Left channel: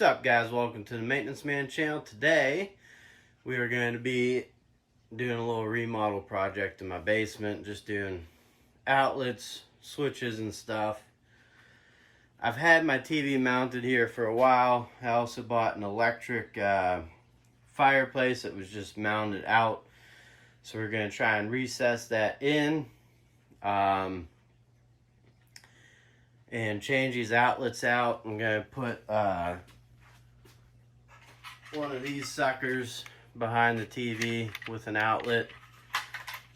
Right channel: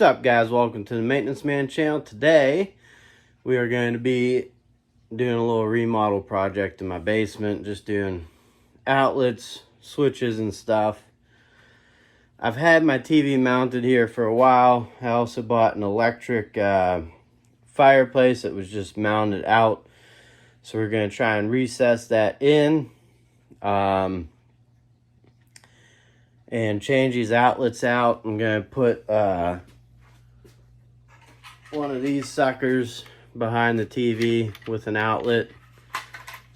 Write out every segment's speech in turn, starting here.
What's up, guys? Welcome to the Maintenance Man channel. Today we are going to be doing a little remodel project in my basement, just doing outlets, switches and stuff. I've had my TV mounted here for a while. I also bought an electric fireplace that was just mounted out, so we're going to try and recess that in and change these outlets out. I'm going to put one of these suckers behind the TV with an outlet,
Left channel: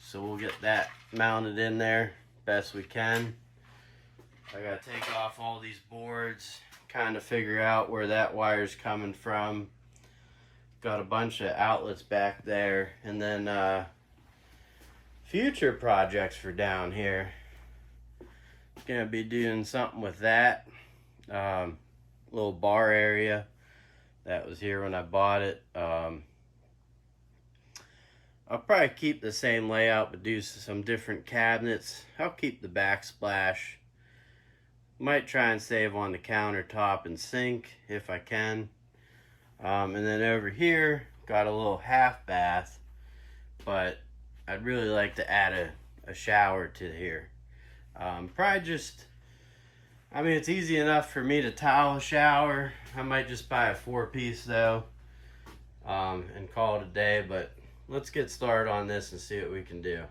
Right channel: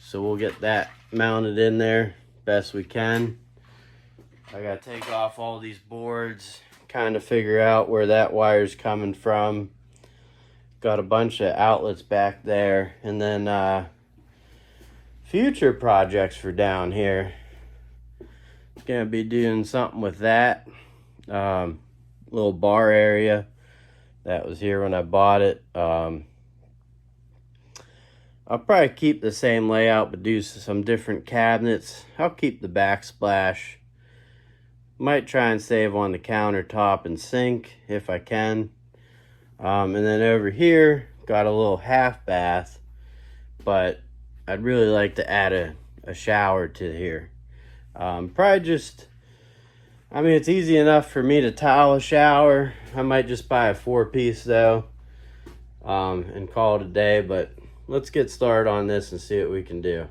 so we'll get that mounted in there best we can. I gotta take off all these boards, kind of figure out where that wire's coming from. Got a bunch of outlets back there, and then future projects for down here. Gonna be doing something with that little bar area that was here when I bought it. I'll probably keep the same layout but do some different cabinets. I'll keep the backsplash. Might try and save on the countertop and sink if I can. And then over here, got a little half bath, but I'd really like to add a shower to here. Probably just, I mean, it's easy enough for me to tile a shower. I might just buy a 4-piece though, and call it a day, but let's get started on this and see what we can do.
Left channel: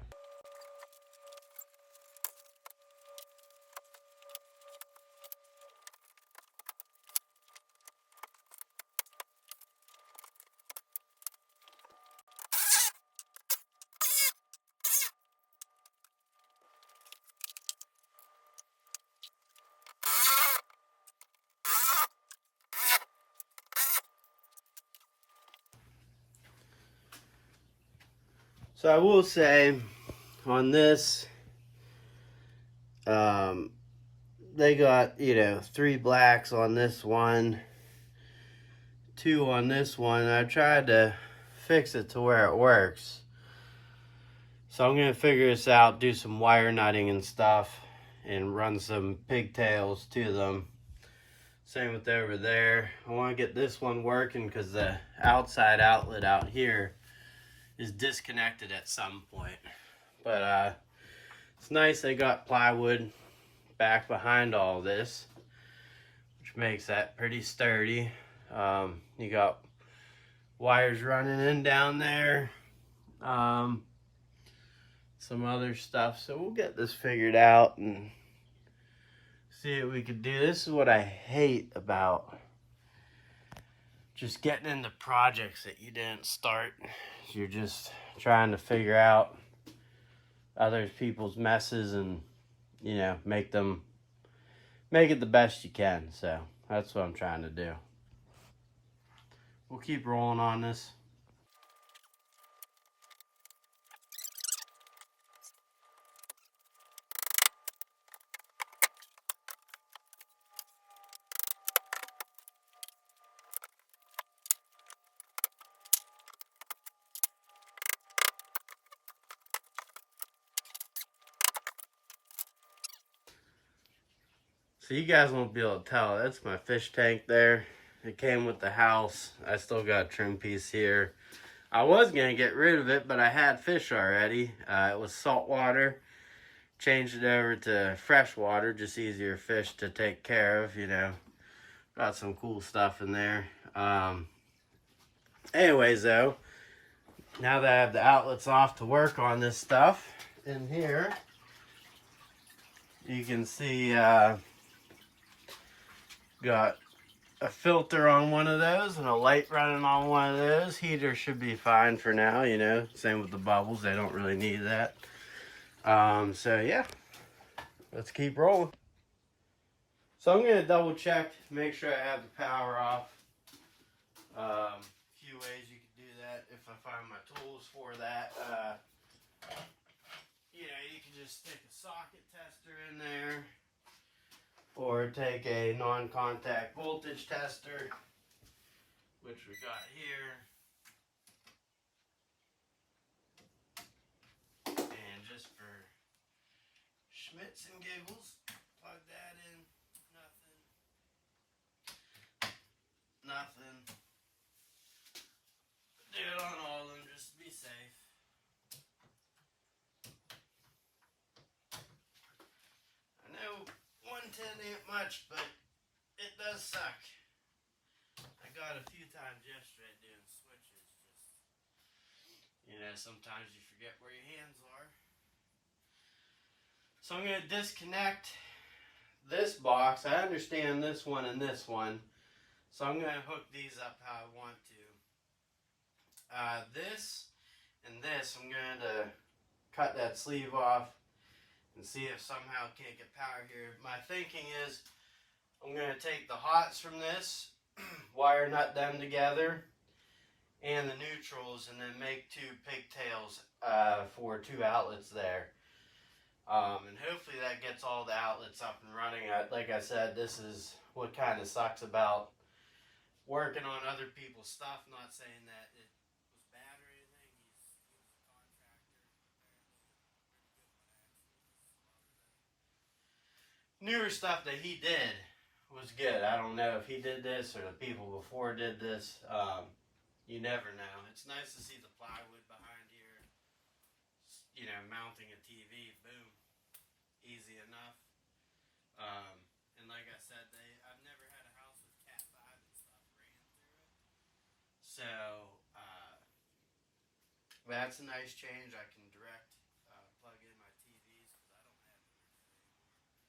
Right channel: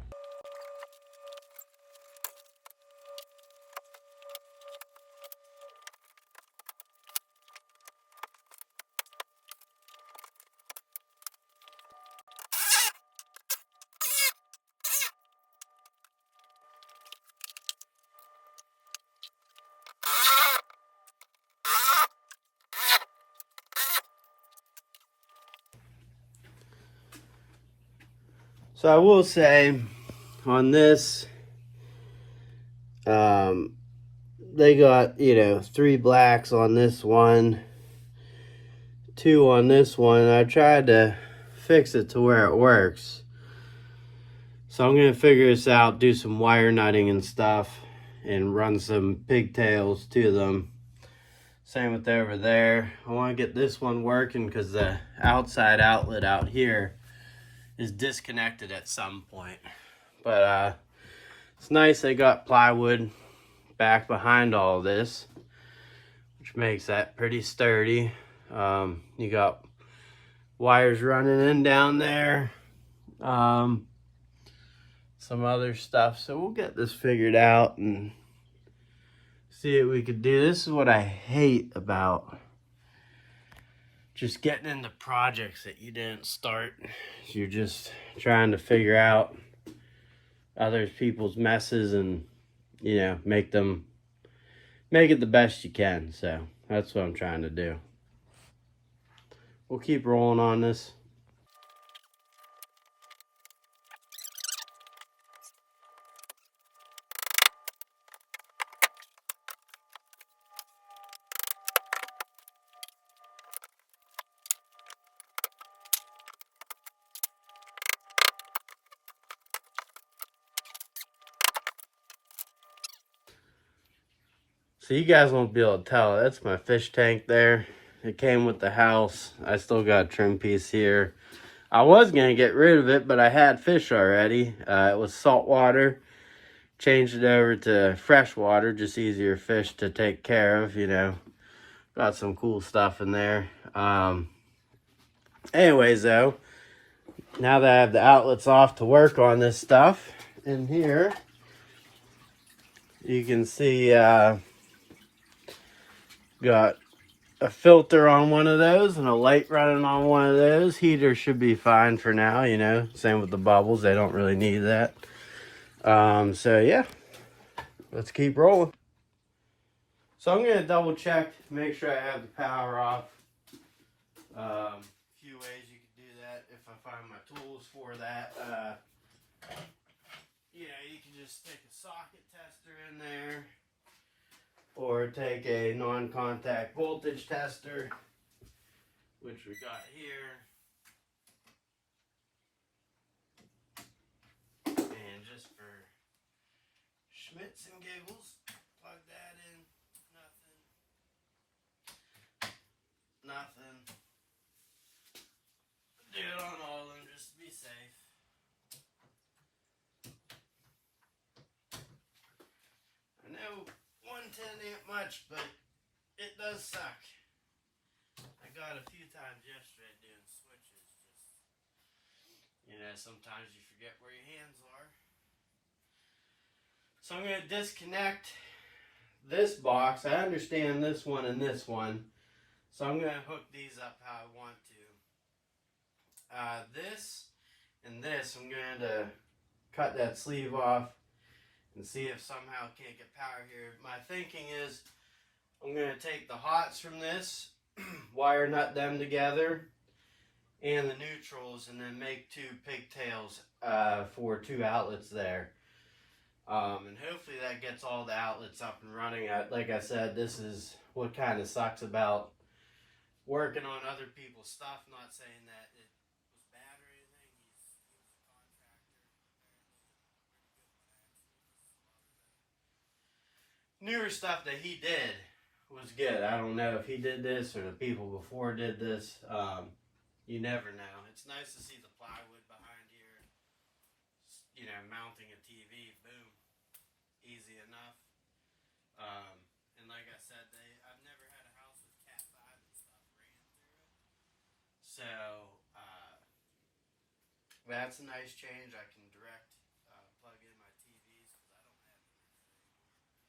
So I will say on this, they got, 3 blacks on this one, 2 on this one. I tried to fix it to where it works. So I'm gonna figure this out, do some wire nutting and stuff, and run some pigtails to them. Same with over there. I wanna get this one working because the outside outlet out here is disconnected at some point. But it's nice they got plywood back behind all of this, which makes that pretty sturdy. You got wires running in down there, some other stuff. So we'll get this figured out and see what we could do. This is what I hate about just getting into projects that you didn't start. You're just trying to figure out other people's messes and, make it the best you can. So that's what I'm trying to do. We'll keep rolling on this. So you guys won't be able to tell, that's my fish tank there. It came with the house. I still got a trim piece here. I was gonna get rid of it, but I had fish already. It was salt water. Changed it over to fresh water, just easier fish to take care of, Got some cool stuff in there. Anyways though, now that I have the outlets off to work on this stuff, in here, you can see got a filter on one of those and a light running on one of those. Heater should be fine for now, Same with the bubbles. They don't really need that. So yeah, let's keep rolling. So I'm going to double check, make sure I have the power off. A few ways you can do that if I find my tools for that. You can just stick a socket tester in there, or take a non-contact voltage tester, which we got here. And just for schmitz and giggles, plug that in. nothing. Do it on all of them just to be safe. I know 110 ain't much, but it does suck. I got a few times yesterday doing switches. Just, sometimes you forget where your hands are. So I'm going to disconnect this box. I understand this one and this one. So I'm going to hook these up how I want to. This and this, I'm going to cut that sleeve off and see if somehow can't get power here. My thinking is I'm going to take the hots from this, wire nut them together, and the neutrals, and then make two pigtails for two outlets there. And hopefully that gets all the outlets up and running. Like I said, this is what kind of sucks about working on other people's stuff. I'm not saying that it was bad or anything. He was a contractor. Newer stuff that he did was good. I don't know if he did this or the people before did this. You never know. It's nice to see the plywood behind here. Mounting a TV, boom, easy enough. And like I said, I've never had a house with Cat 5 and stuff ran through it. So that's a nice change. I can direct plug in my TVs because I don't have those anymore.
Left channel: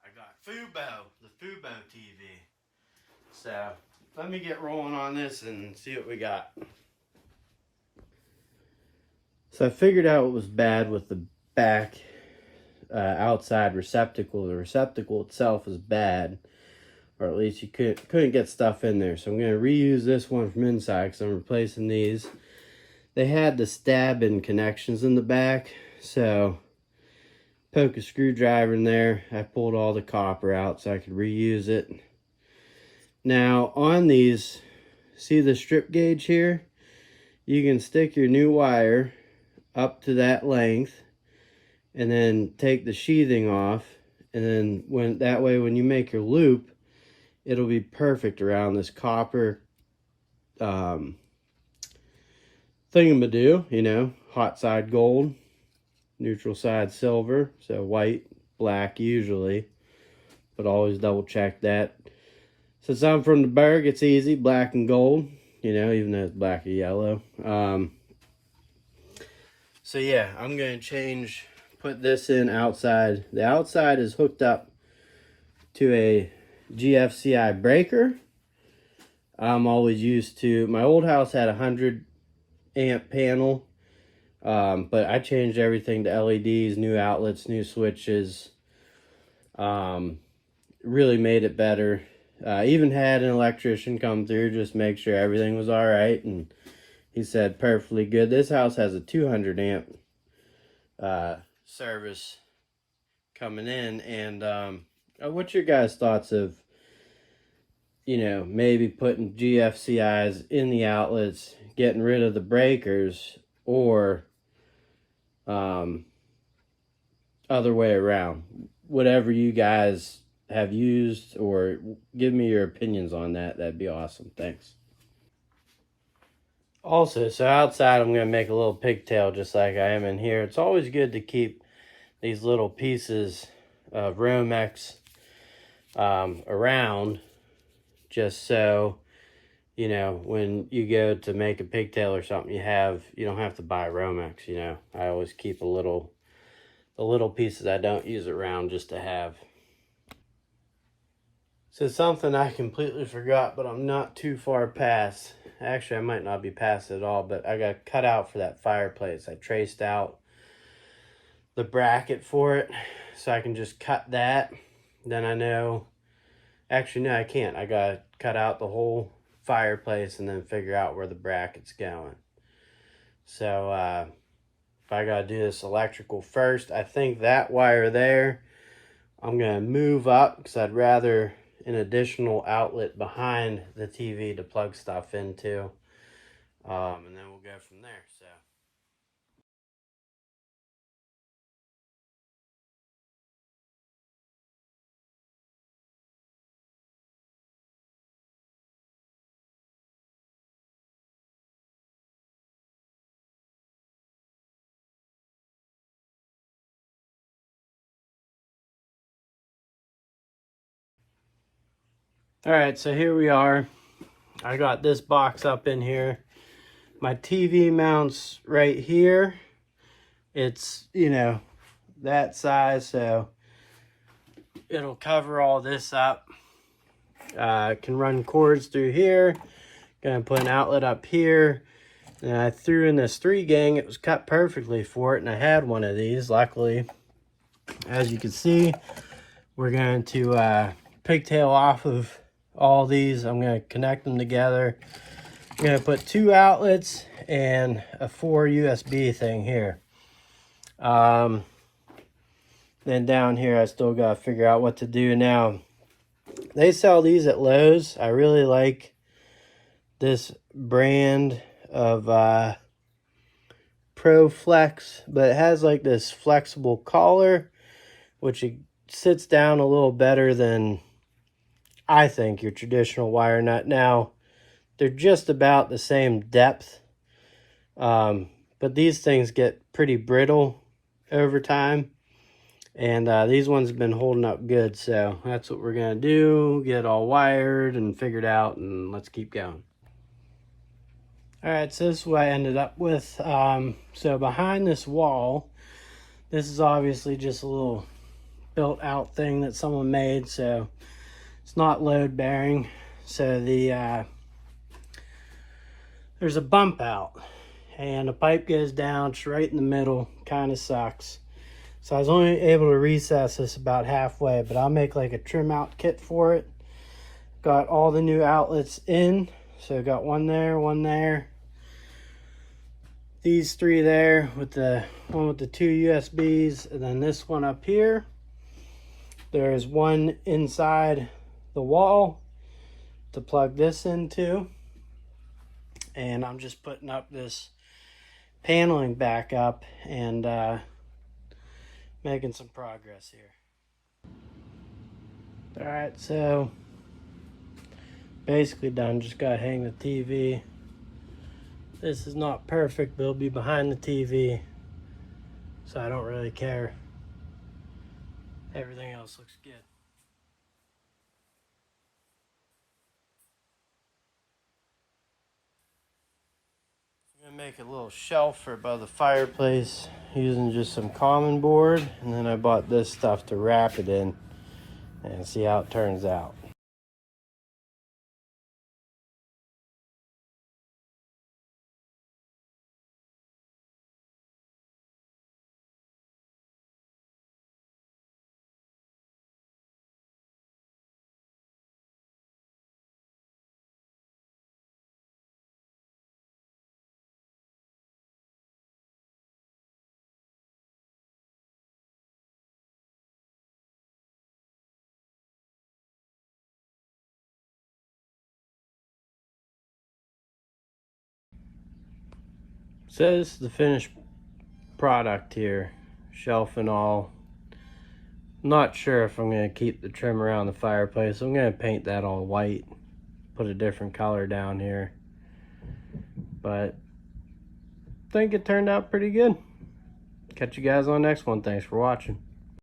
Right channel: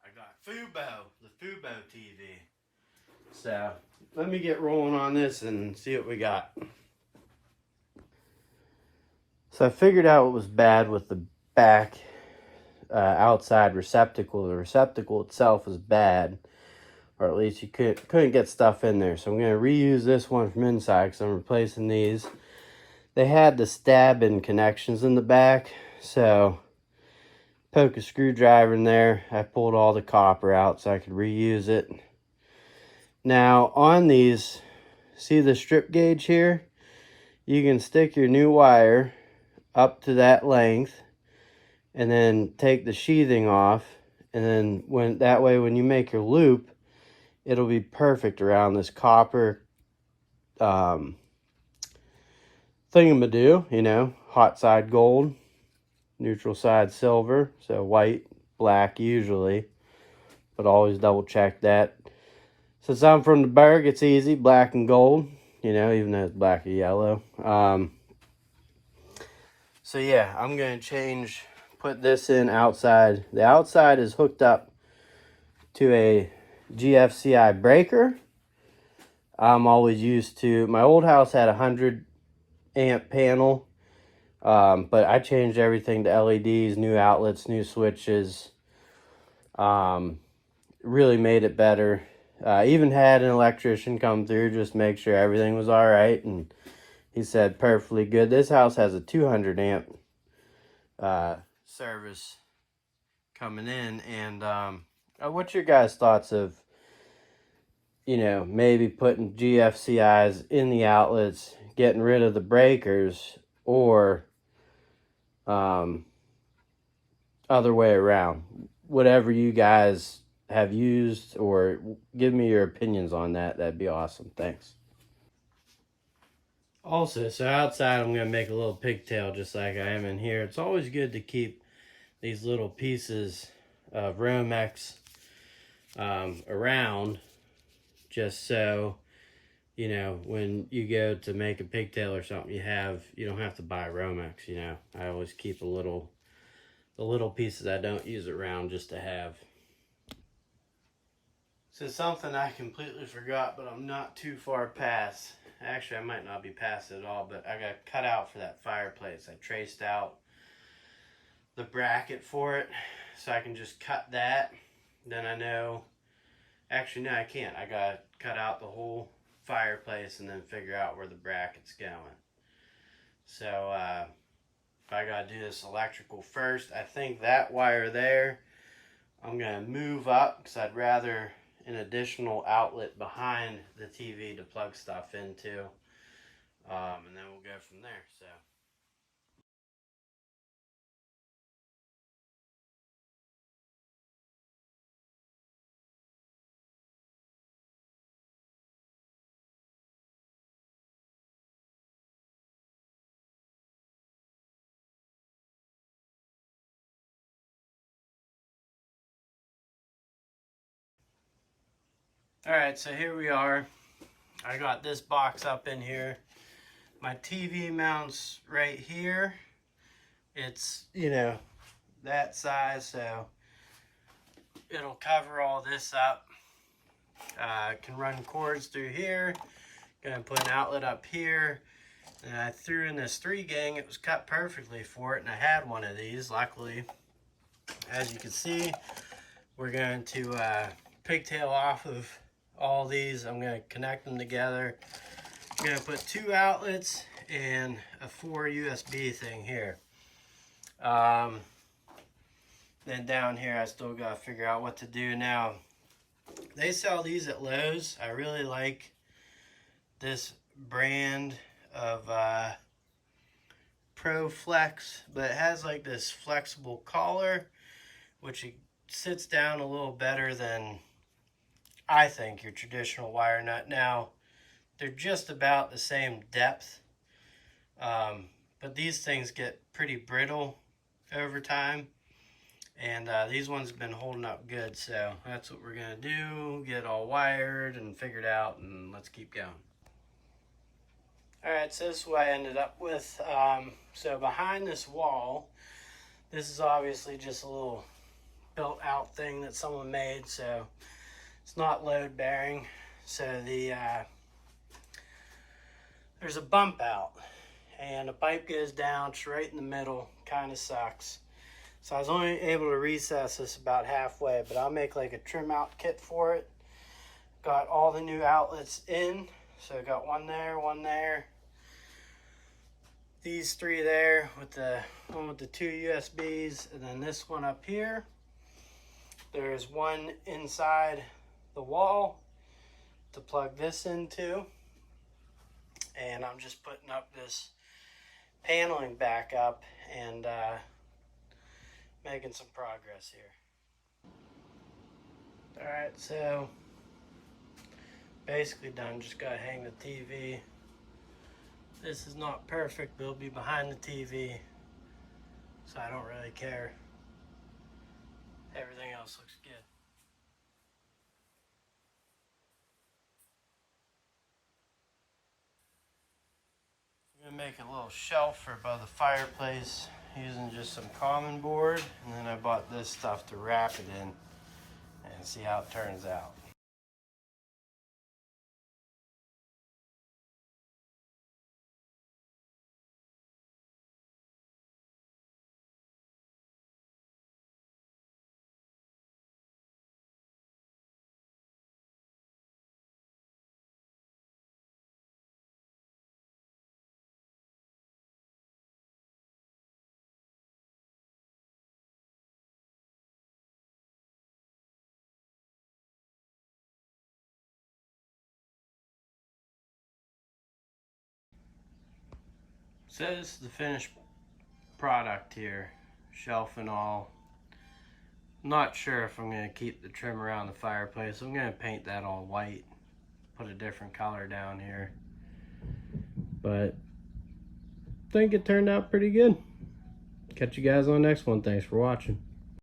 I got Fubo, the Fubo TV. So let me get rolling on this and see what we got. So I figured out what was bad with the back outside receptacle. The receptacle itself was bad, or at least you couldn't get stuff in there. So I'm going to reuse this one from inside because I'm replacing these. They had the stab-in connections in the back, so poke a screwdriver in there. I pulled all the copper out so I could reuse it. Now on these, see the strip gauge here? You can stick your new wire up to that length and then take the sheathing off, and then when you make your loop, it'll be perfect around this copper thingamadoo, hot side gold, neutral side silver, so white, black usually, but always double check that. Since I'm from the Berg, it's easy, black and gold, even though it's black or yellow. So yeah, I'm going to put this in outside. The outside is hooked up to a GFCI breaker. I'm always used to, my old house had a 100 amp panel, but I changed everything to LEDs, new outlets, new switches. Really made it better. Even had an electrician come through, just make sure everything was all right, and he said perfectly good. This house has a 200 amp service coming in, and what's your guys' thoughts of maybe putting GFCIs in the outlets, getting rid of the breakers, or other way around? Whatever you guys have used, or give me your opinions on that. That'd be awesome. Thanks. Also, so outside I'm going to make a little pigtail just like I am in here. It's always good to keep these little pieces of Romex around, just so when you go to make a pigtail or something, you don't have to buy Romex. I always keep the little pieces I don't use around just to have. So something I completely forgot, but I'm not too far past. Actually, I might not be past it at all, but I got cut out for that fireplace. I traced out the bracket for it, so I can just cut that. Then I know, actually no, I can't. I got to cut out the whole fireplace and then figure out where the bracket's going. So if I got to do this electrical first, I think that wire there, I'm going to move up because I'd rather an additional outlet behind the TV to plug stuff into, and then we'll go from there. All right, so here we are. I got this box up in here. My TV mounts right here. It's, you know, that size, so it'll cover all this up. Can run cords through here. Gonna put an outlet up here. And I threw in this 3-gang. It was cut perfectly for it, and I had one of these, luckily. As you can see, we're going to pigtail off of all these. I'm going to connect them together. I'm going to put 2 outlets and a 4 USB thing here. Then down here, I still got to figure out what to do now. They sell these at Lowe's. I really like this brand of ProFlex, but it has like this flexible collar, which it sits down a little better than, I think, your traditional wire nut. Now, they're just about the same depth, but these things get pretty brittle over time, and these ones have been holding up good, so that's what we're gonna do. Get it all wired and figured out, and let's keep going. All right, so this is what I ended up with. So behind this wall, this is obviously just a little built out thing that someone made, so it's not load bearing. So there's a bump out, and the pipe goes down right in the middle. Kind of sucks. So I was only able to recess this about halfway, but I'll make like a trim out kit for it. Got all the new outlets in, so got one there, one there. These 3 there with the one with the 2 USBs, and then this one up here. There's one inside the wall to plug this into, and I'm just putting up this paneling back up and making some progress here. All right, so basically done. Just gotta hang the TV. This is not perfect, but it'll be behind the TV, so I don't really care. Everything else looks good. I'm gonna make a little shelf for above the fireplace using just some common board, and then I bought this stuff to wrap it in and see how it turns out. So this is the finished product here, shelf and all. I'm not sure if I'm gonna keep the trim around the fireplace. I'm gonna paint that all white, put a different color down here, but I think it turned out pretty good. Catch you guys on the next one. Thanks for watching.